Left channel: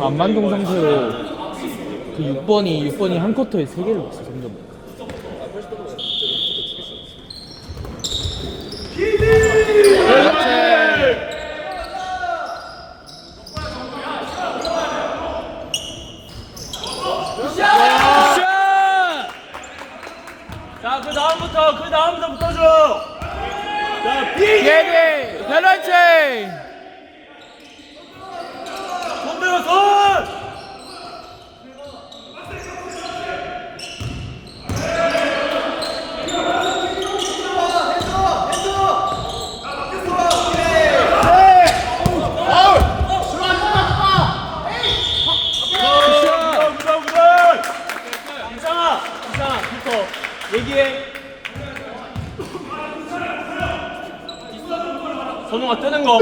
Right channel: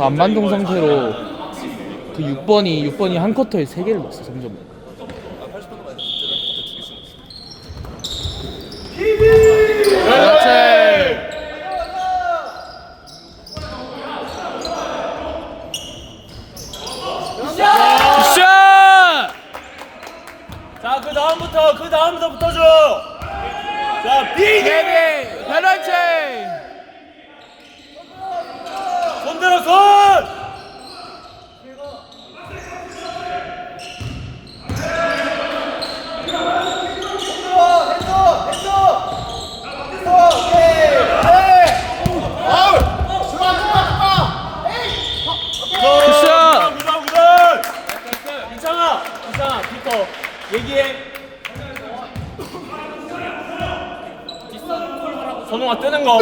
안반동 상태로 그 6번이 6번이 한 쿼터에 3개를 넣었어 3점. 그렇지 굿샷! 자, 그 다음부터, 그 다음부터 붙어줘. 자, 비! 예비 페널티 손들어, 손! 굿샷! 구다, 구다! 이상아, 이상아, 붙어. 얘기해. 선호가 뜨는 거.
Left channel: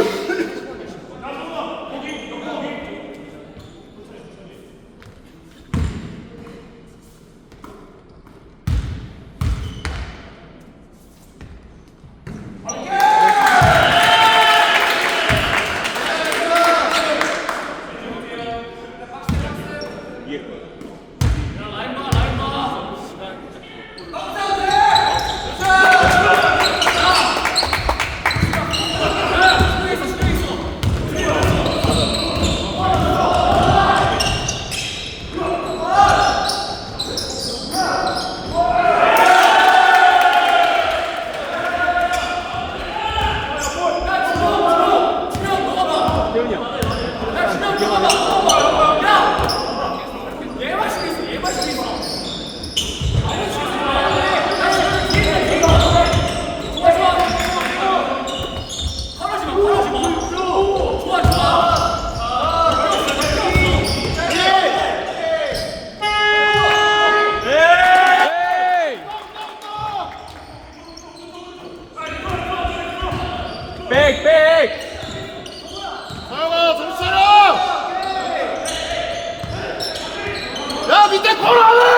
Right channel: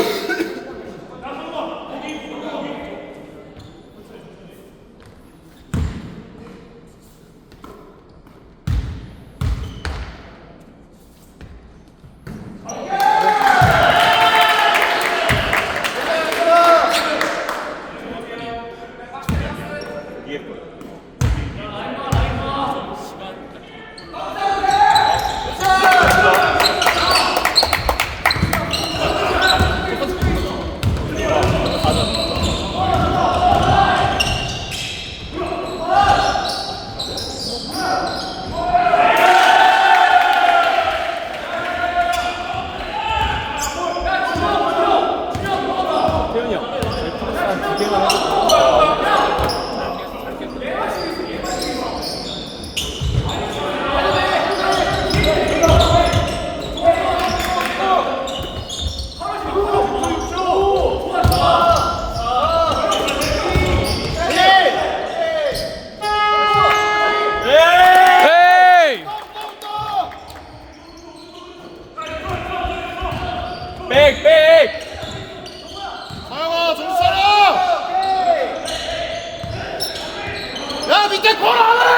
Hallelujah!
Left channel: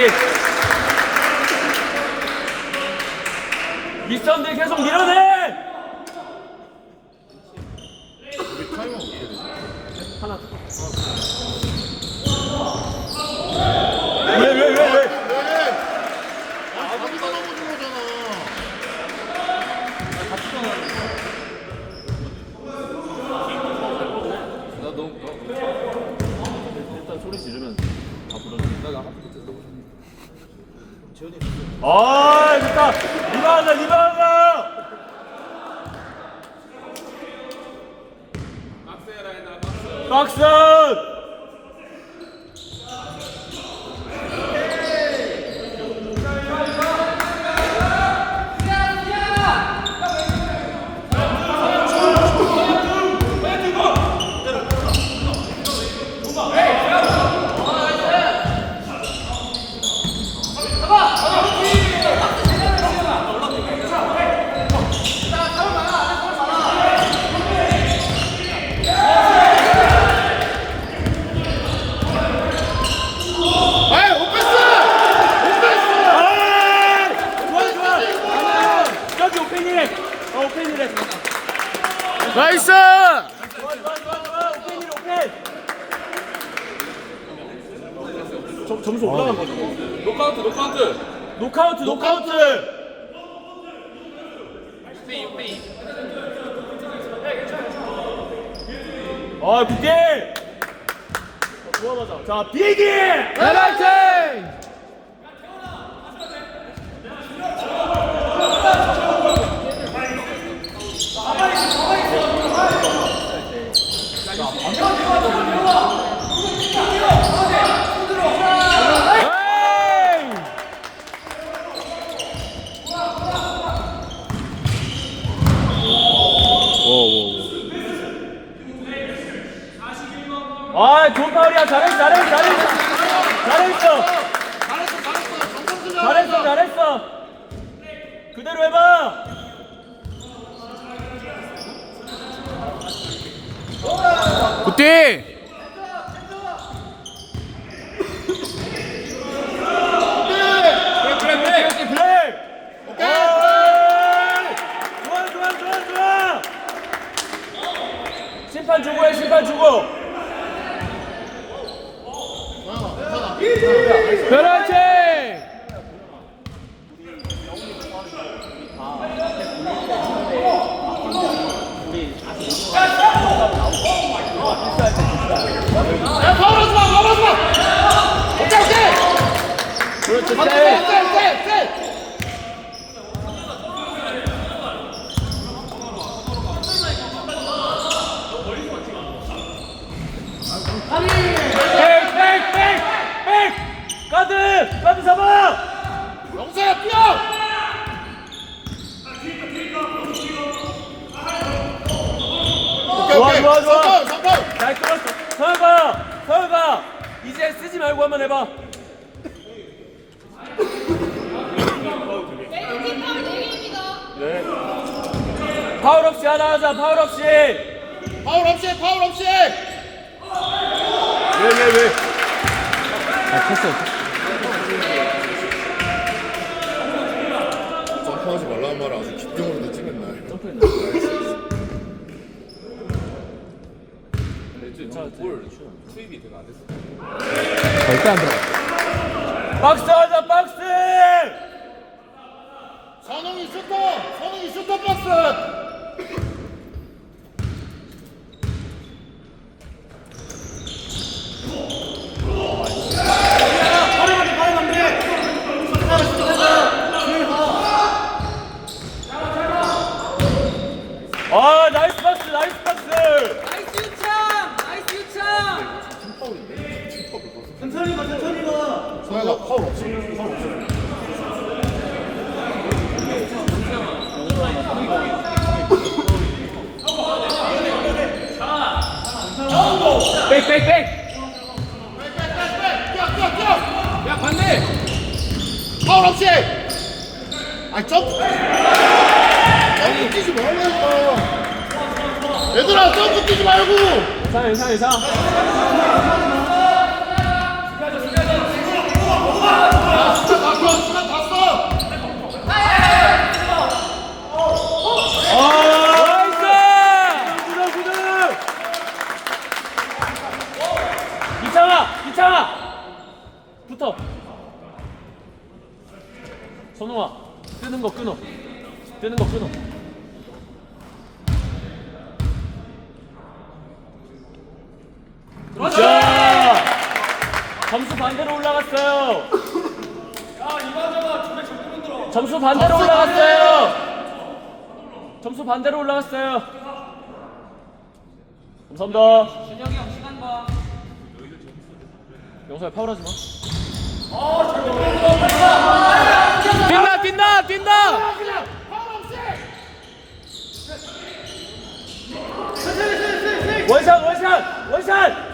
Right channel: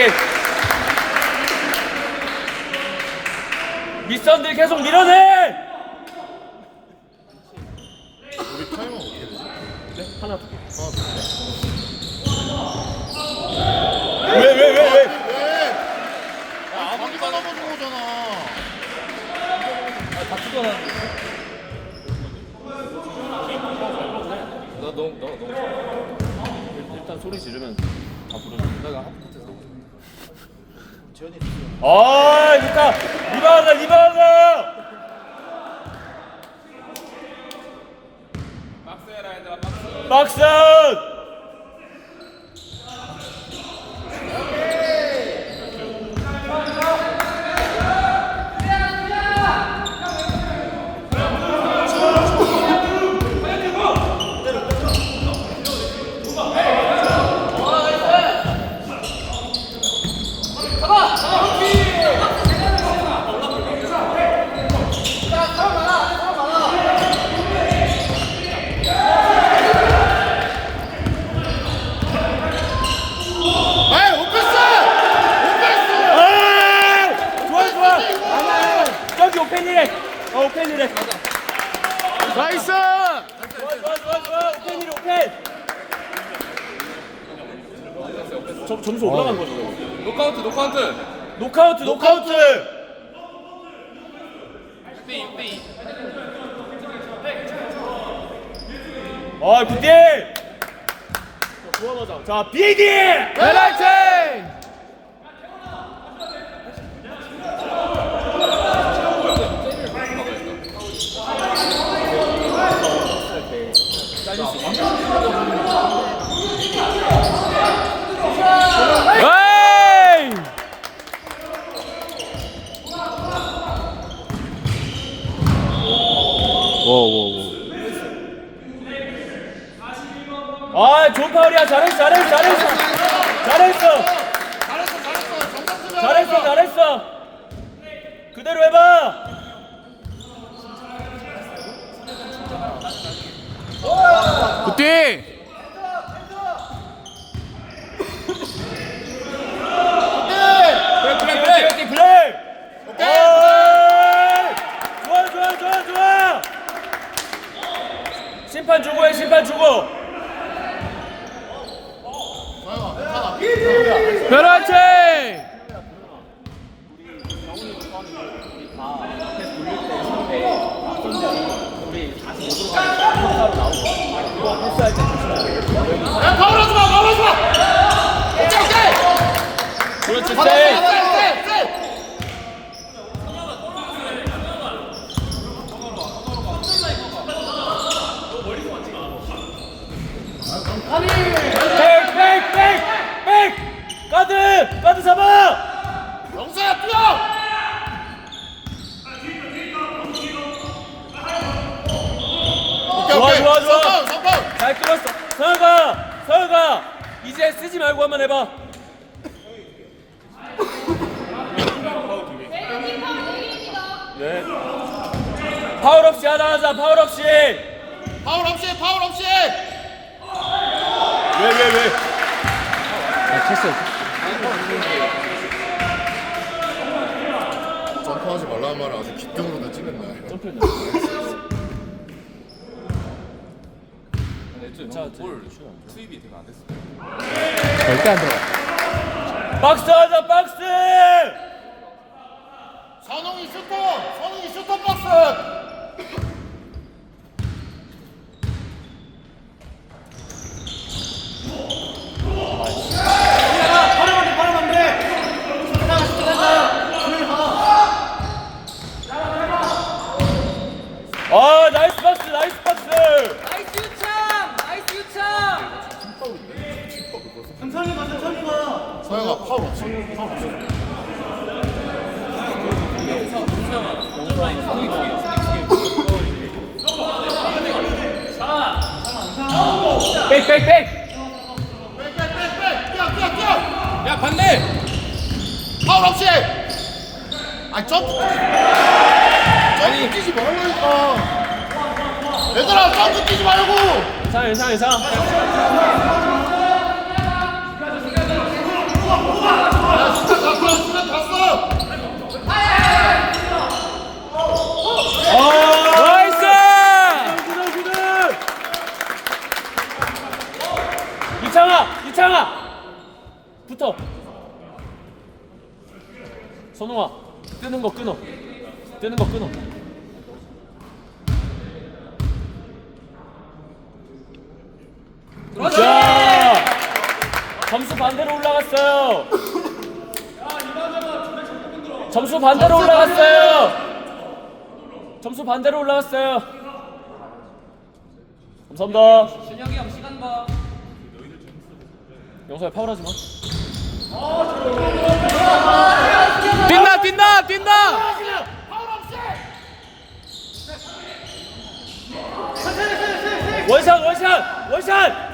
우티! 밑선들 계속 밀어내! 우리 타이머 어떻게 되지? 하나 더. 왜, 왜, 왜, 왜? 왜? 야, 아무도 안 하고 들어오잖아. 나 너무 나 너무 일단 소리 지르면 다 부르는 내가 밑에서 아, 그니까, 리바가, 리바가! 박스! 에이 오페스! 오페스! 에이! 좋아, 좋아! 여기 오펜이래! 어, 오펜이래! 나이스 좋아, 좋아, 좋아, 좋아! 오펜이래, 오펜! 점, 점수 올라간 거죠? 노카운트 노카운트 노카우트, 노카우트! 아, 굿게! 자 비기 페널티! 에이! 워워워 아 좋은 파울이야. 잘했어 잘했어 잘했어. 잘했어. 잘했어 잘했어. 그대로 해봐. 굿디! 플레이 어이! 좋아 좋아 좋아 좋아 심판 주고. 해 심판 주고 페널티! 야 파울하지 마 파울하지 마 오케이 오케이 그렇지 받아 세이 쎄쎄쎄 백백백백 잡아 영수야 뛰어! 오케이, 좋아, 오케이. 좋아, 좋아. 성공, 성공. 잘 끌었어. 서혁아 서혁아 이제 쓰지 말고 한번 해봐. 예. 파울 없이 하나 하자 파울 없이. 파울 없이 파울 없이. 예예예. 아 쳤어 점프하지 말라는 말을 아주 기특으로 찍는 날 절대 안 들어가. 박스 하자 박스 선웅이 슈터 선웅이 슈터 박스 아 나이스 박스 나이스 박스 나이스 유창! 나이스 유창! 천천히 가 천천히 가 서야가 파울 야 반대. 파울 없이 아 점프. 아니 이거 뛰지 말라니까. 얘들아 점프 뛰지 말고. 괜찮아 괜찮아 올라갔어요. 점수 반대로 올라갔어요. 점수 반대로 올라갔어요. 감사합니다. 준혁이 형 시간 봐. 영서야 파울하지 마. 뛴다 뛴다 뛴다. 원샷 원샷 원샷.